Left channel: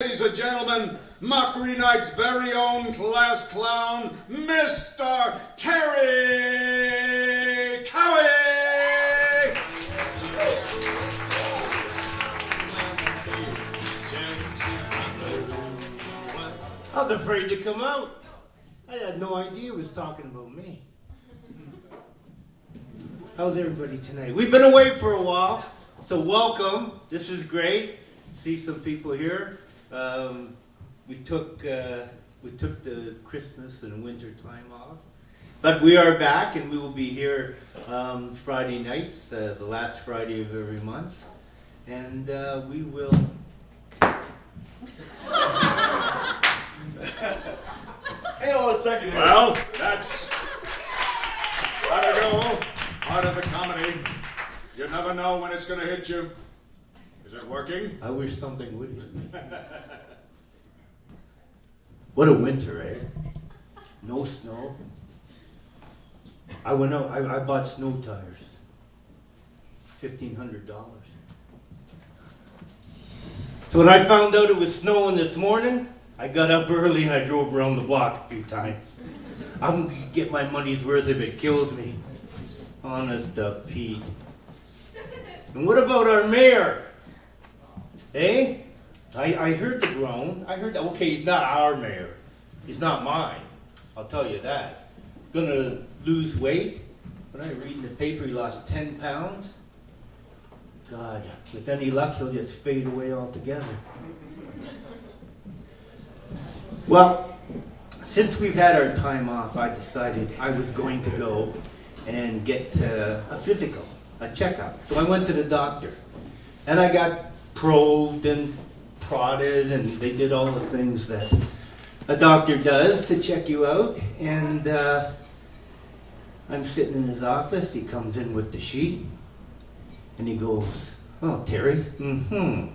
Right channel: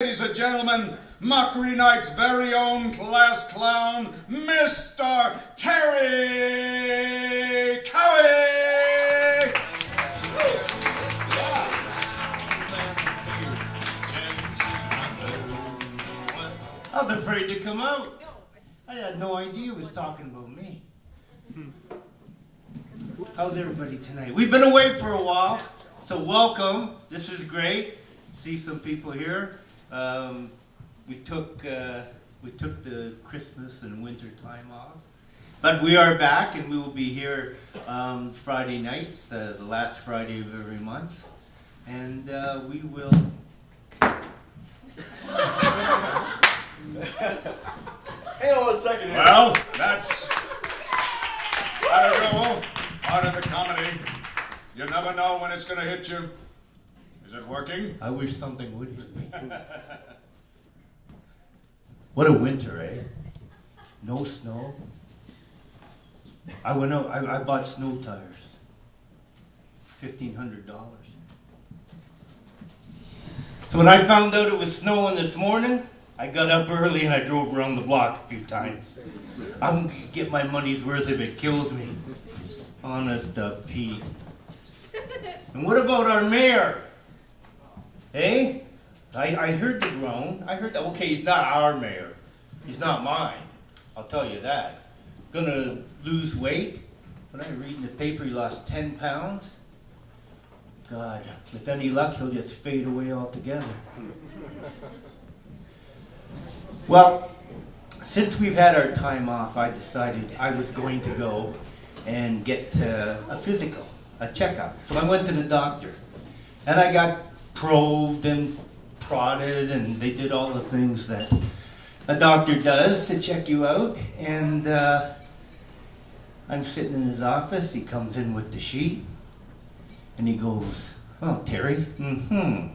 Ladies and gentlemen, Mockery Night's very own class clown, Mr. Terry Cowe! I was afraid to come out. I had no idea he was talking about me. How's everybody tonight? We've been away for a while, so welcome. This is great. See some people here. We took the Christmas and winter time off, but we are back, and we will be here Friday nights, the last Friday of every month, and we will. Hang on a second here. Well, that's part of the comedy. You never know when it's going to hit you. Is it working? I wish something would hit me. What a winter, eh? No snow. I went out, I bought snow tires. $1,500. So when I found out it was snowing this morning, I got up early and I drove around the block a few times. I'm gonna get my money's worth if it kills me. Honest to Pete. And what about our mayor? Eh? I heard the groan. I heard that. Okay, he's not our mayor. He's not mine. I'll tell you that. Gonna lose weight. When I read in the paper he lost 10 pounds. God, with any luck, he'll just fade away altogether. Well, since we've had our time off, I decided I was going to go and get a physical, a checkup. So I went to the doctor, and I got probed and prodded, and they did all the things that a doctor does to check you out. And I'm sitting in his office. He comes in with the sheet, and he goes, "Oh, Terry, and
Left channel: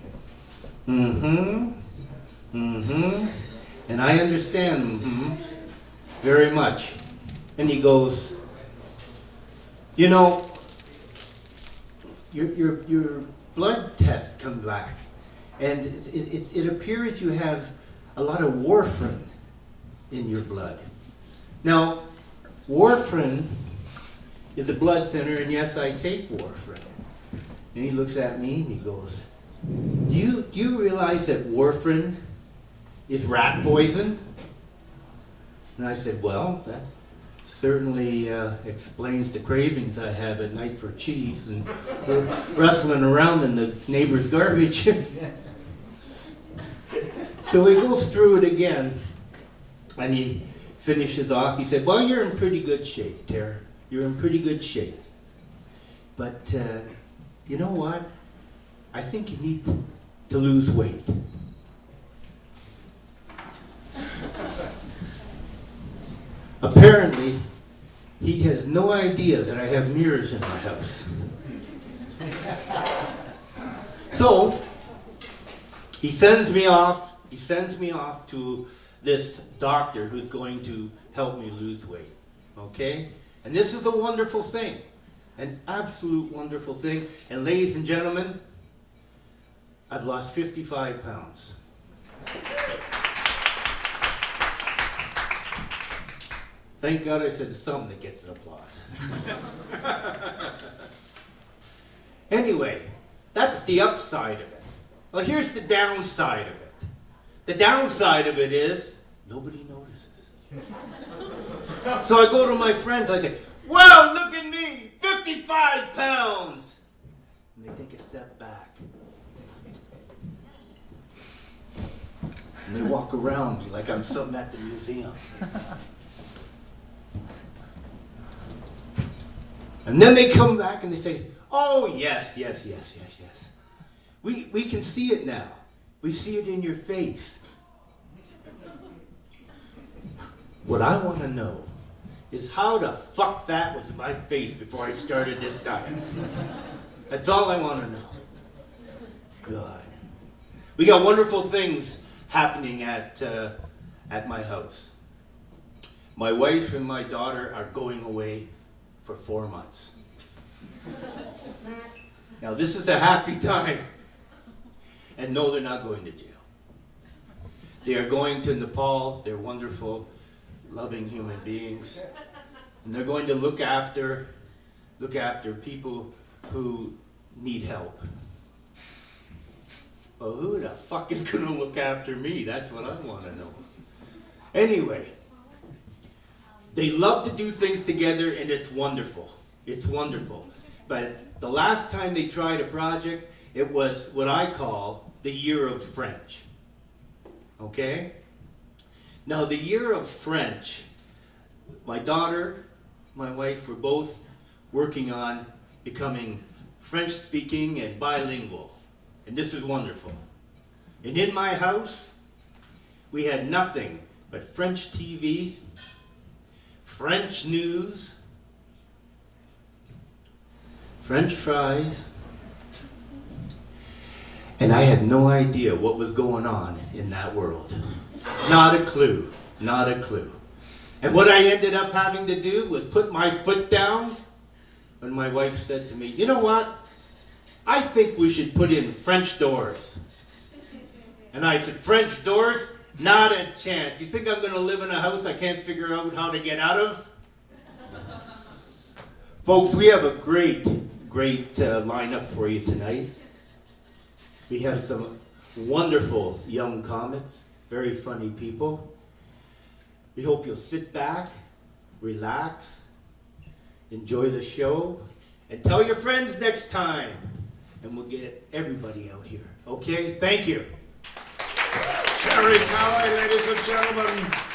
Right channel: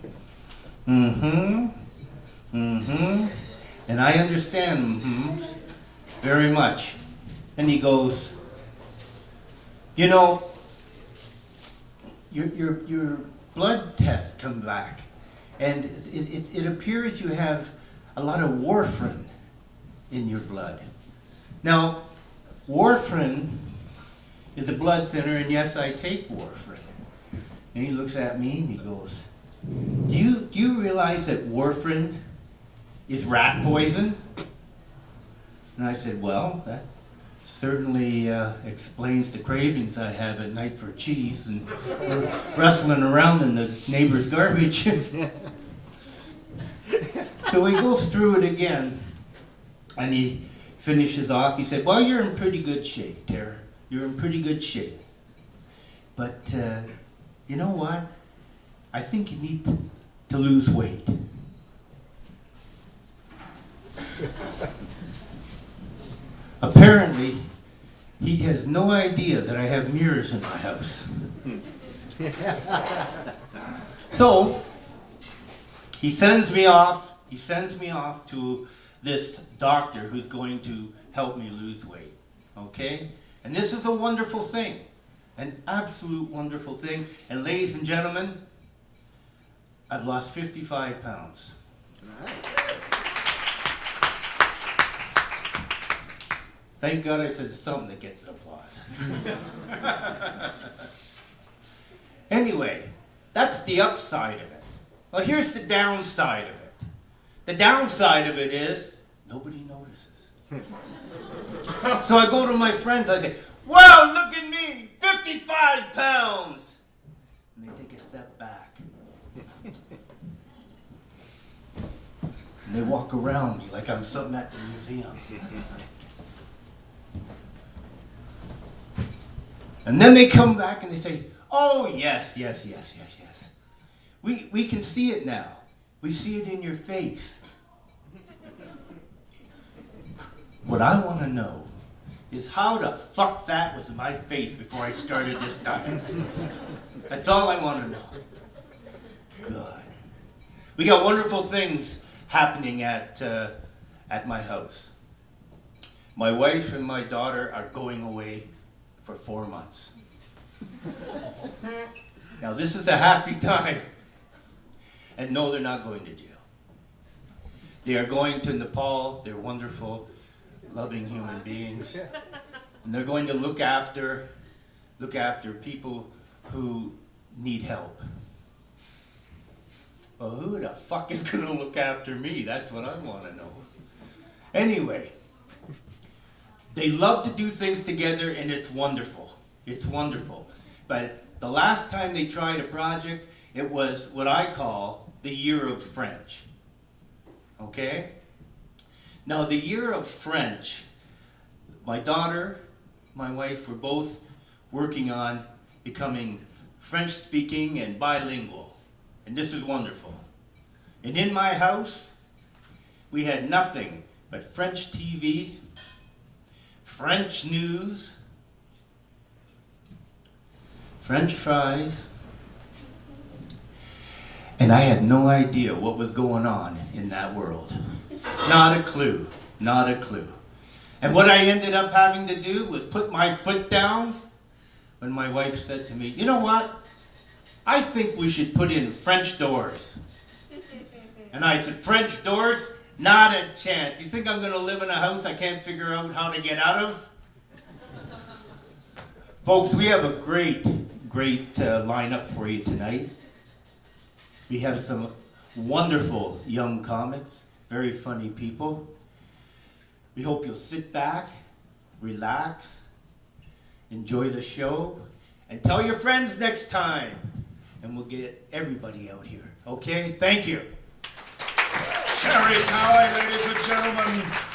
I understand very much." And he goes, "You know, your blood tests come back, and it appears you have a lot of warfarin in your blood. Now, warfarin is a blood thinner, and yes, I take warfarin." And he looks at me and he goes, Do you realize that warfarin is rat poison?" And I said, "Well, that certainly explains the cravings I have at night for cheese and rustling around in the neighbor's garbage." So he goes through it again, and he finishes off. He said, "Well, you're in pretty good shape, Tara. You're in pretty good shape. But you know what? I think you need to lose weight." Apparently, he has no idea that I have mirrors in my house. So, he sends me off to this doctor who's going to help me lose weight. Okay? And this is a wonderful thing. An absolute wonderful thing. And ladies and gentlemen, I've lost 55 pounds. Thank God I said something that gets an applause. Anyway, that's the upside of it. Well, here's the downside of it. The downside of it is nobody notices. So I go to my friends, I say, "Wow, look at me, 55 pounds. And they take a step back. And they walk around me like I'm something at the museum. And then they come back and they say, "Oh, yes. We can see it now. We see it in your face." What I want to know is how the fuck that was my face before I started this diet. That's all I want to know. God. We got wonderful things happening at my house. My wife and my daughter are going away for 4 months. Now this is a happy time. And no, they're not going to jail. They are going to Nepal. They're wonderful, loving human beings. And they're going to look after people who need help. Well, who the fuck is going to look after me? That's what I want to know. Anyway, they love to do things together, and it's wonderful. It's wonderful. But the last time they tried a project, it was what I call the Year of French. Okay? Now, the Year of French, my daughter, my wife were both working on becoming French-speaking and bilingual. And this is wonderful. And in my house, we had nothing but French TV, French news, French fries, and I had no idea what was going on in that world. Not a clue, not a clue. And what I ended up having to do was put my foot down when my wife said to me, you know what? I think we should put in French doors. And I said, French doors? Not a chance. You think I'm going to live in a house I can't figure out how to get out of? Folks, we have a great lineup for you tonight. We have some wonderful young comics, very funny people. We hope you'll sit back, relax, enjoy the show, and tell your friends next time. And we'll get everybody out here. Okay? Thank you. Cherry Cowe, ladies and gentlemen.